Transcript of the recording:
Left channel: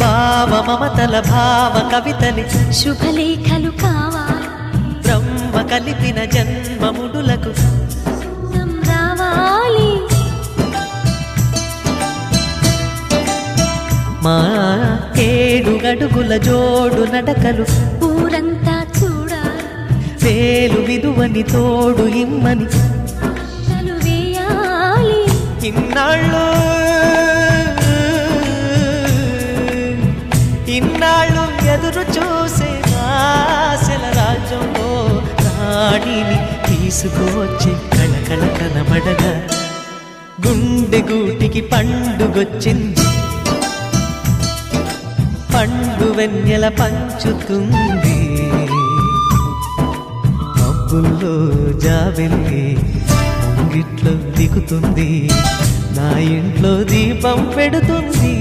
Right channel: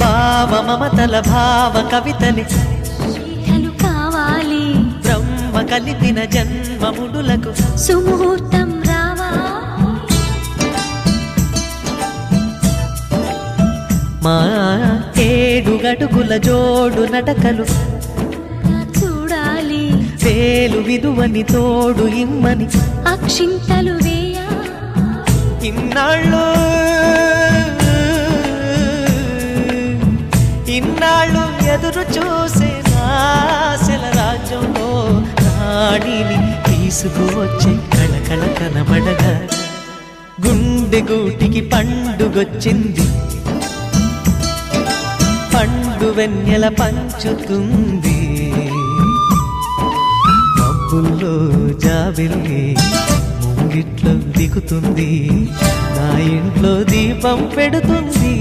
భావ మమతల భావ కవితలి శుభలేఖలు కావాలి బ్రహ్మ కలిపిన జన్మముడులకు సుముహూర్తం రావాలి మా 7 అడుగుల జోడు నడకలు ఊరంతా చూడాలి వేలు విలువని తోడు ఇమ్మని అక్షింతలు వేయాలి ఇన్నాళ్ళు ఎదురు చూసే ఆశల రాజ్యంలో రాణిని తీసుకువచ్చే కళకళ కనబడగా గుండె గూటికి పండుగొచ్చింది పండు వెన్నెల పంచుతుంది మబ్బుల్లో జాబిల్లి ముంగిట్లో దిగుతుంది నా ఇంట్లో దీపం పెడుతుంది